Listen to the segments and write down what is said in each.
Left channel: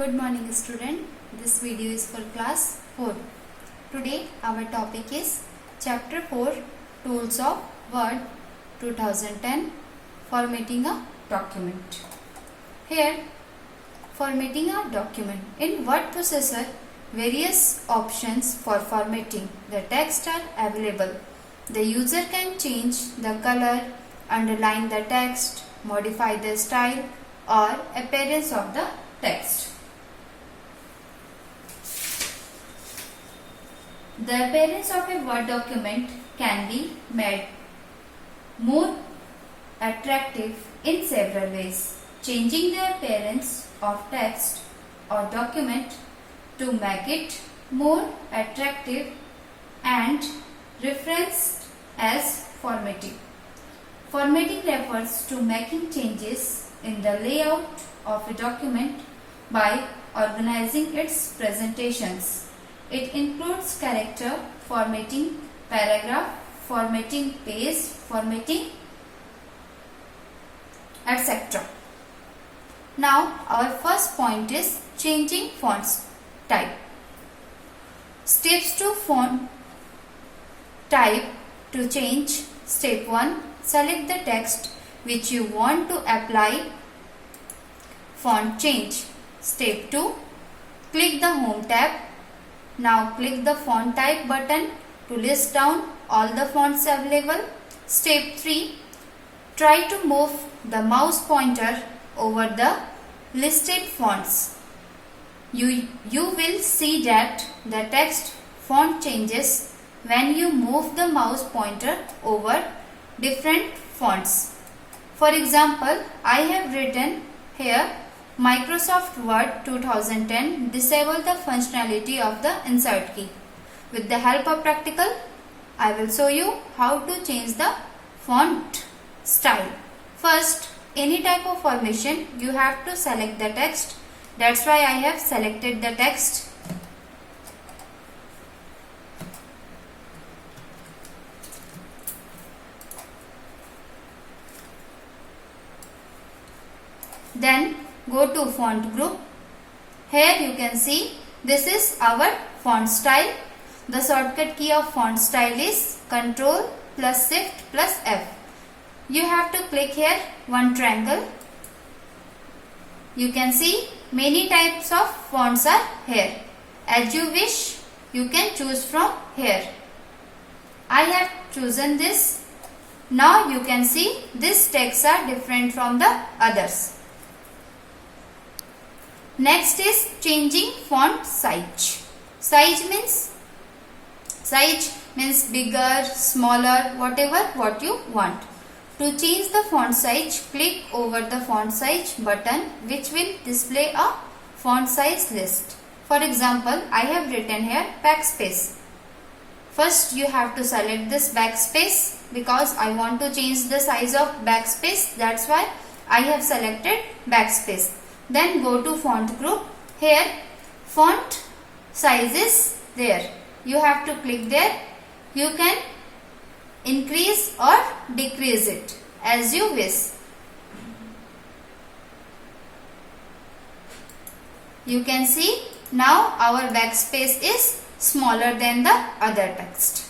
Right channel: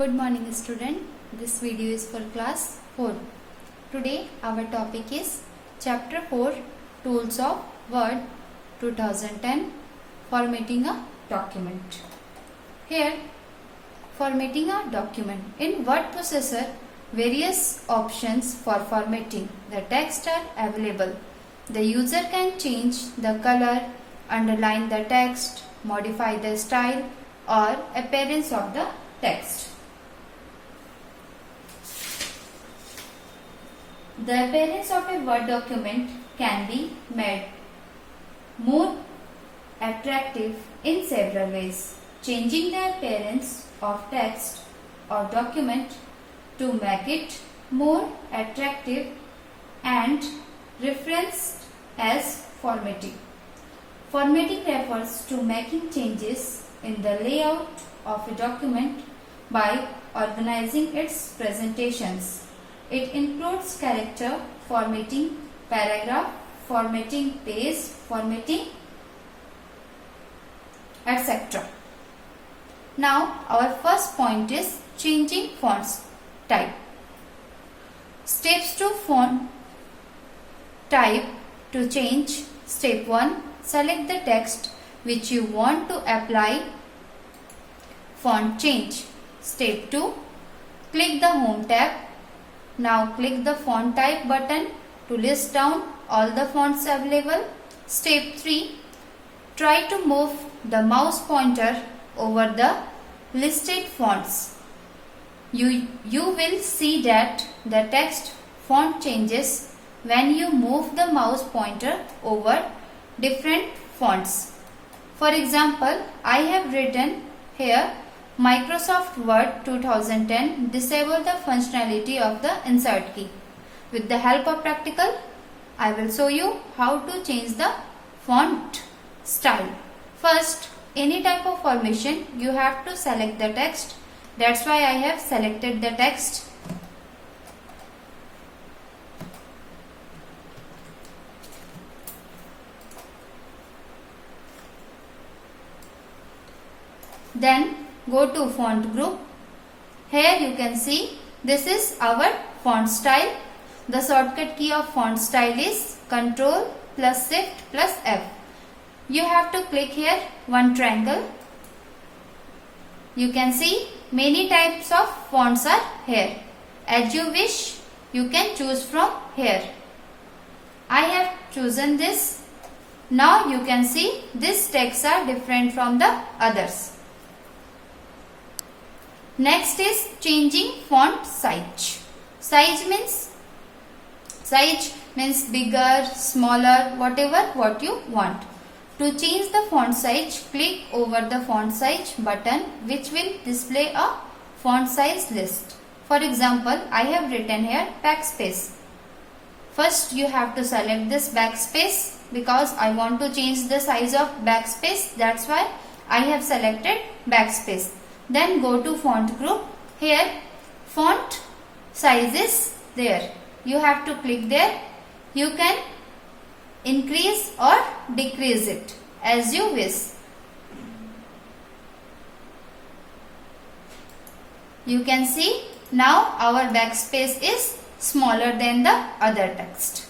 Good morning student. This video is for class 4. Today our topic is chapter 4 Tools of Word 2010 Formatting a Document. Here formatting a document. In word processor various options for formatting the text are available. The user can change the color, underline the text, modify the style or appearance of the text. The appearance of a Word document can be made more attractive in several ways. Changing the appearance of text or document to make it more attractive and referenced as formatting. Formatting refers to making changes in the layout of a document by organizing its presentations. It includes character formatting, paragraph formatting, page formatting, etc. Now our first point is changing font type. Steps to font type to change. Step 1. Select the text which you want to apply font change. Step 2. Click the Home tab. Now click the font type button to list down all the fonts available. Step 3. Try to move the mouse pointer over the listed fonts. You will see that the text font changes when you move the mouse pointer over different fonts. For example, I have written here Microsoft Word 2010 disable the functionality of the insert key. With the help of practical, I will show you how to change the font style. First, any type of formation you have to select the text. That's why I have selected the text. Then go to font group. Here you can see this is our font style. The shortcut key of font style is Ctrl plus Shift plus F. You have to click here one triangle. You can see many types of fonts are here. As you wish, you can choose from here. I have chosen this. Now you can see these texts are different from the others. Next is changing font size. Size means bigger, smaller, whatever what you want. To change the font size, click over the font size button which will display a font size list. For example, I have written here backspace. First you have to select this backspace because I want to change the size of backspace. That's why I have selected backspace. Then go to font group. Here font size is there. You have to click there. You can increase or decrease it as you wish. You can see now our backspace is smaller than the other text.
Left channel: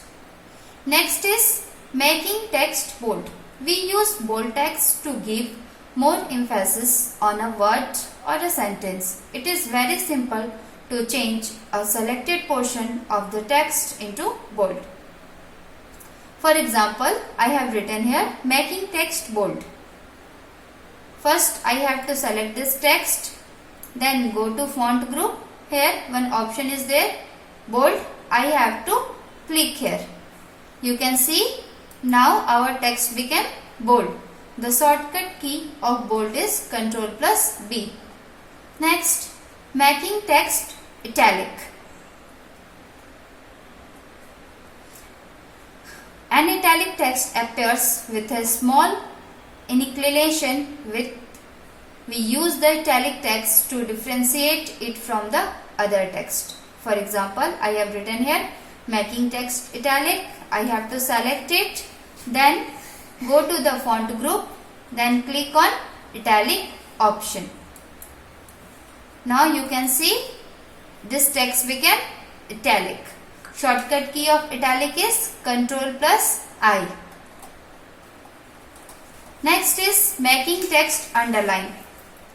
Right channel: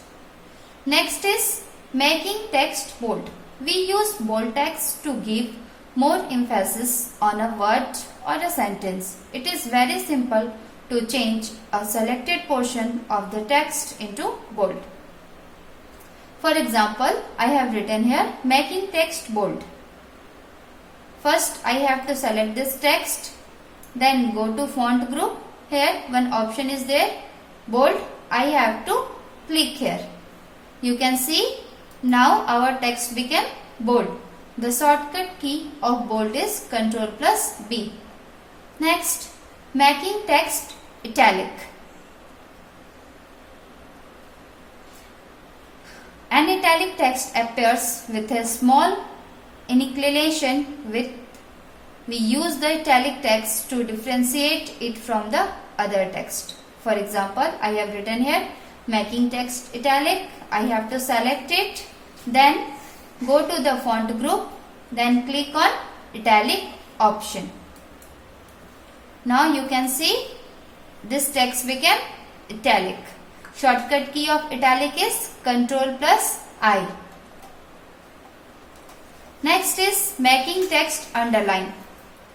Next is making text bold. We use bold text to give more emphasis on a word or a sentence. It is very simple to change a selected portion of the text into bold. For example, I have written here making text bold. First I have to select this text, then go to font group. Here one option is there, bold. I have to click here. You can see now our text became bold. The shortcut key of bold is Ctrl plus B. Next, making text italic. An italic text appears with a small inclination width. We use the italic text to differentiate it from the other text. For example, I have written here making text italic. I have to select it. Then go to the font group. Then click on italic option. Now you can see this text became italic. Shortcut key of italic is Ctrl plus I. Next is making text underline.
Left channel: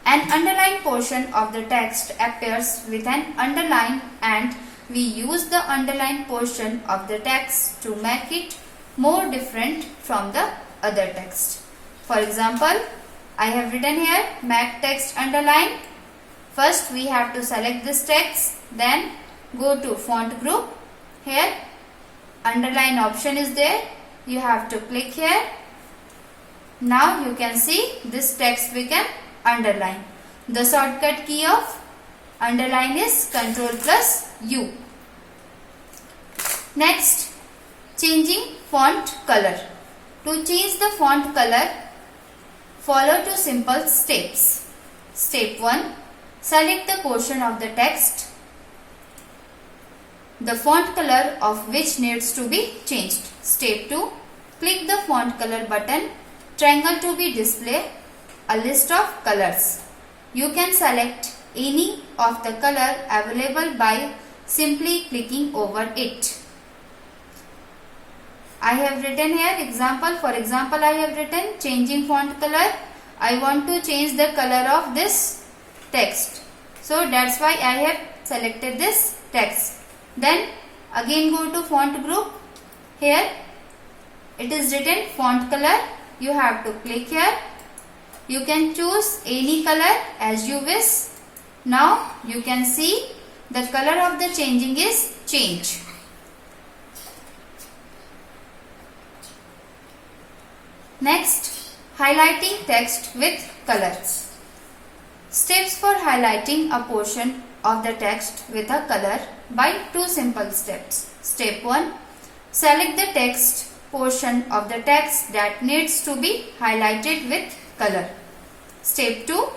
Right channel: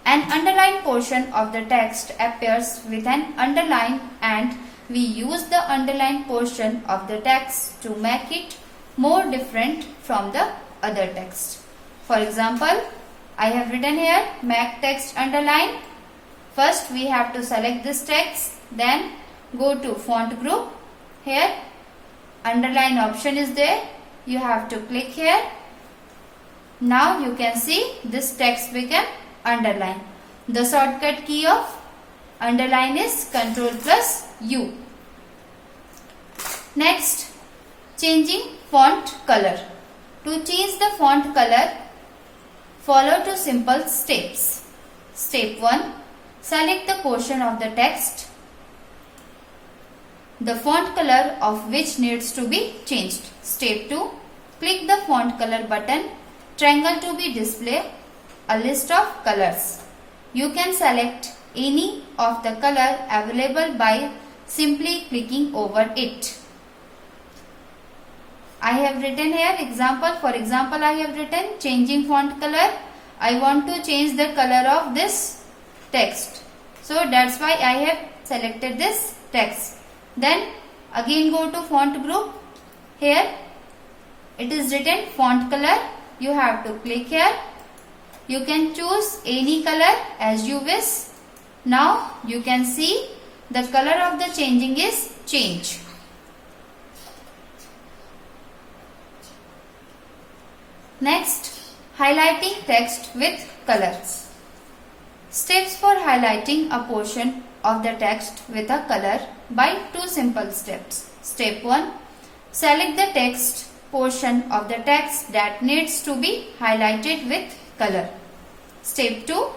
An underlined portion of the text appears with an underline, and we use the underlined portion of the text to make it more different from the other text. For example, I have written here make text underline. First we have to select this text, then go to font group. Here underline option is there. You have to click here. Now you can see this text became underline. The shortcut key of underline is Ctrl plus U. Next, changing font color. To change the font color, follow two simple steps. Step 1. Select the portion of the text, the font color of which needs to be changed. Step 2. Click the font color button. Triangle to be display a list of colors. You can select any of the color available by simply clicking over it. I have written here example. For example, I have written changing font color. I want to change the color of this text. So that's why I have selected this text. Then again go to font group. Here it is written font color. You have to click here. You can choose any color as you wish. Now you can see the color of the changing is change. Next, highlighting text with color. Steps for highlighting a portion of the text with a color by two simple steps. Step 1. Select the text portion of the text that needs to be highlighted with color. Step 2.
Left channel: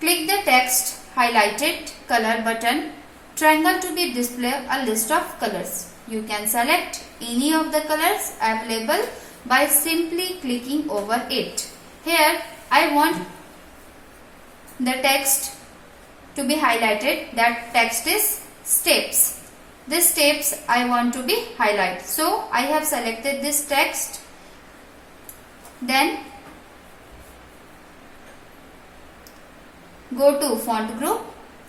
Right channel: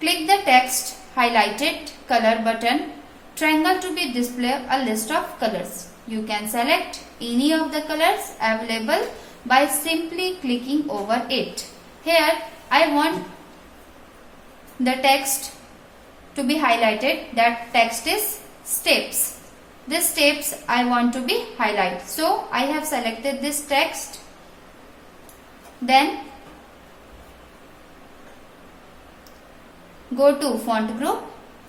Click the text highlighted color button. Triangle to be display a list of colors. You can select any of the colors available by simply clicking over it. Here I want the text to be highlighted. That text is steps. This steps I want to be highlighted. So I have selected this text. Then go to font group.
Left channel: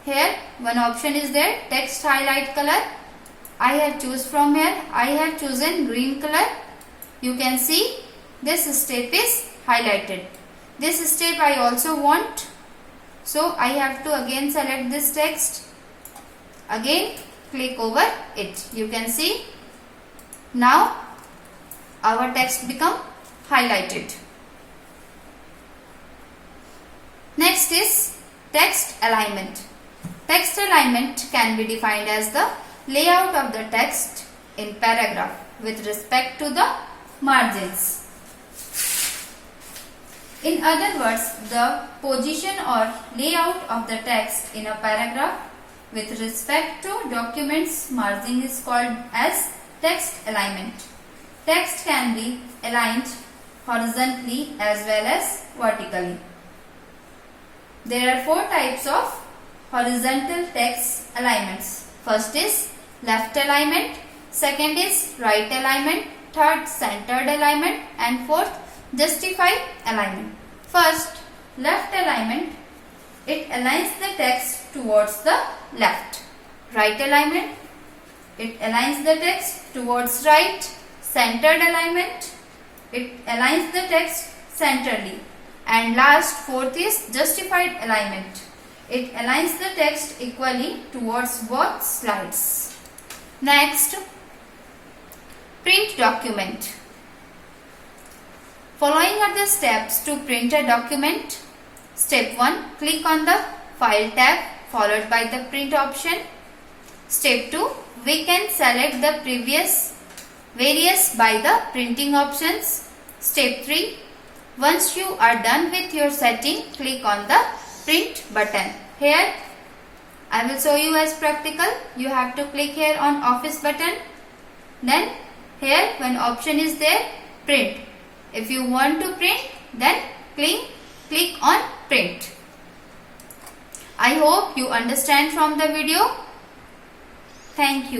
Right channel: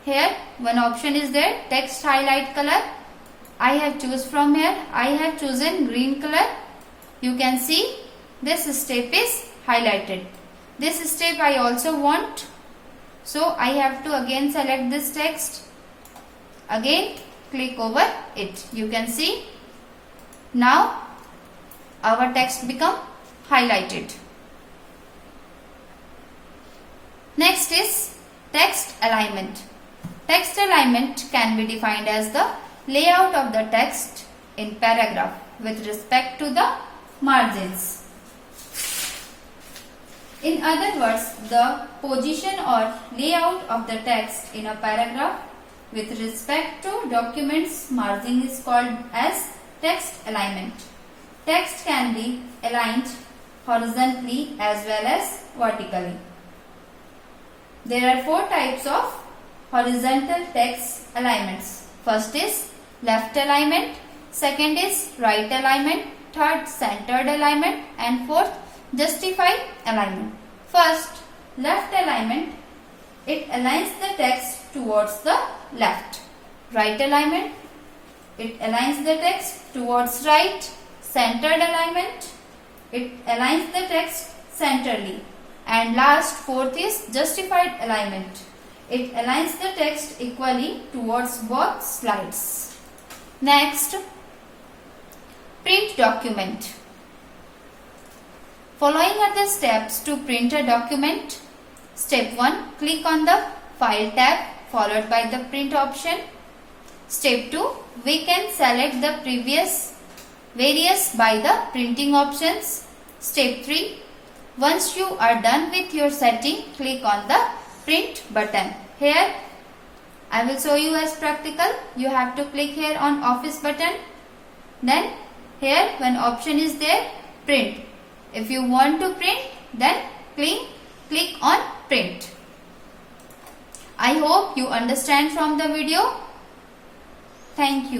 Here one option is there, text highlight color. I have choose from here. I have chosen green color. You can see this step is highlighted. This step I also want. So I have to again select this text. Again click over it. You can see now our text become highlighted. Next is text alignment. Text alignment can be defined as the layout of the text in paragraph with respect to the margins. In other words, the position or layout of the text in a paragraph with respect to document's margin is called as text alignment. Text can be aligned horizontally as well as vertically. There are four types of horizontal text alignments. First is left alignment, second is right alignment, third centered alignment, and fourth justified alignment. First, left alignment. It aligns the text towards the left. Right alignment. It aligns the text towards right. Centered alignment. It aligns the text centrally. And last, fourth is justified alignment. It aligns the text equally towards both sides. Next, print document. Following are the steps to print a document. Step 1. Click on the File tab followed by the Print option. Step 2. We can select the previous various by the printing options. Step 3. Once you are done with your setting, click on the Print button. Here I will show you as practical. You have to click here on Office button. Then here one option is there, Print. If you want to print, then click on Print. I hope you understand from the video. Thank you.